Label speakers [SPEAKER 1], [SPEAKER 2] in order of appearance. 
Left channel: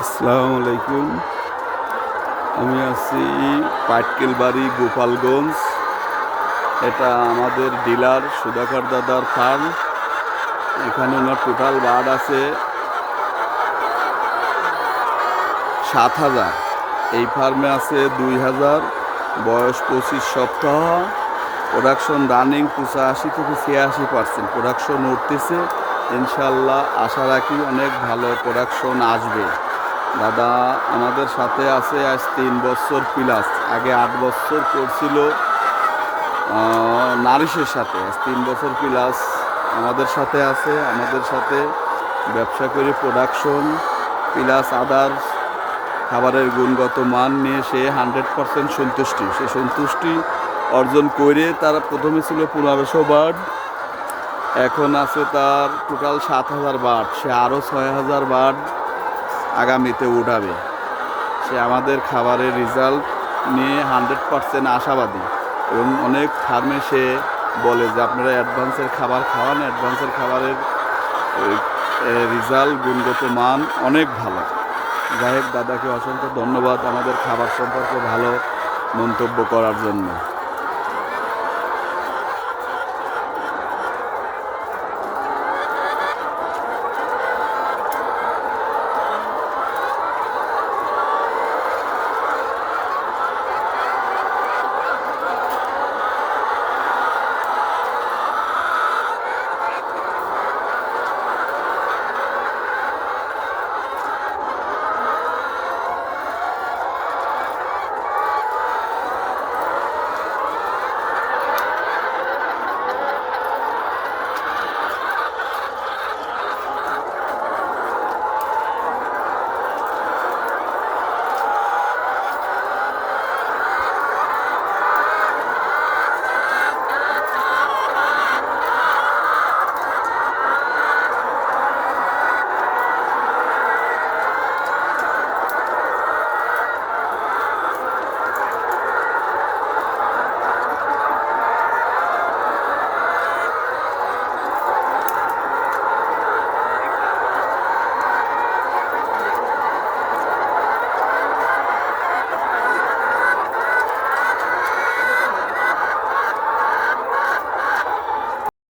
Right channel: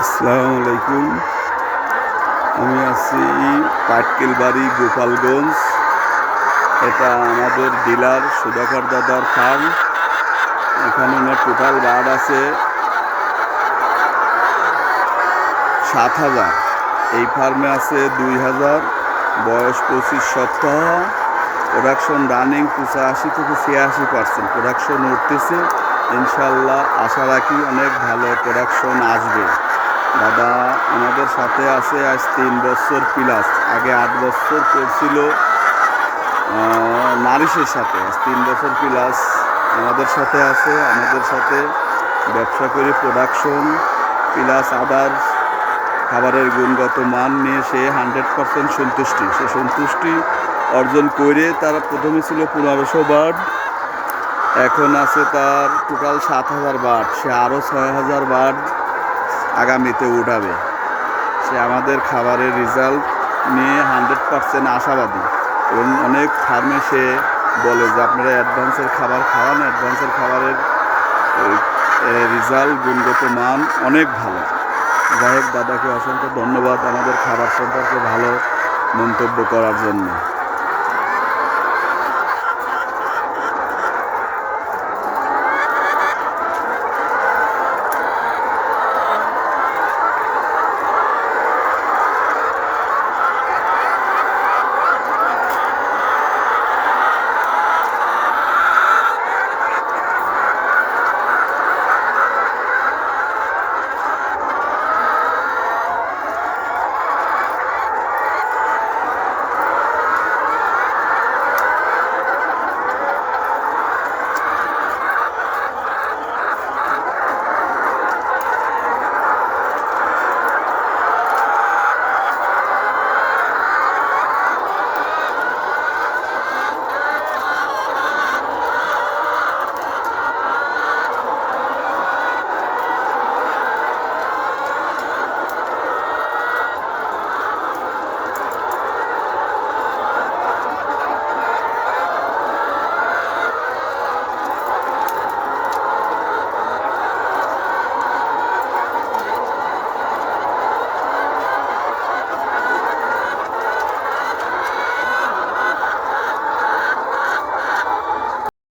[SPEAKER 1] আসসালামু আলাইকুম। আমি আছি পাটকেল বাড়ি গোপালগঞ্জ। এটা আমাদের ডিলার সুধাকর দাদার ফার্ম এখানে আমার টোটাল বার্ড আছে সাত হাজার। এই ফার্মে আছে দুই হাজার, বয়স পঁচিশ সপ্তাহ। প্রোডাকশন রানিং পঁচাশি থেকে ছিয়াশি পার্সেন্ট প্রোডাকশন উঠতেছে। ইনশাল্লাহ আশা রাখি অনেক ভালো প্রোডাকশন আসবে। দাদা আমাদের সাথে আছে আজ তিন বছর প্লাস আগে আট বছর করছিল নারিশের সাথে। আজ তিন বছর প্লাস আমাদের সাথে আছে, আমাদের সাথে ব্যবসা করে প্রোডাকশন প্লাস আদার্স খাবারের গুণগত মান নিয়ে সে হান্ড্রেড পার্সেন্ট সন্তুষ্টি। সে সন্তুষ্টি অর্জন করে তারা প্রথমে ছিল পনেরোশো বার্ড এখন আছে তার টোটাল সাত হাজার বার্ড সে আরও ছয় হাজার বার্ড আগামীতে উঠাবে। সে আমাদের খাবারের রেজাল্ট নিয়ে হান্ড্রেড পার্সেন্ট আশাবাদী এবং অনেক ফার্মে সে বলে যে, আপনারা অ্যাডভান্সের খাবার খাওয়ান অ্যাডভান্সের খাবারের রেজাল্ট গুণগত মান অনেক ভালো। যাই দাদাকে অসংখ্য ধন্যবাদ আমাদের খাবার সম্পর্কে ভালো মন্তব্য করার জন্য।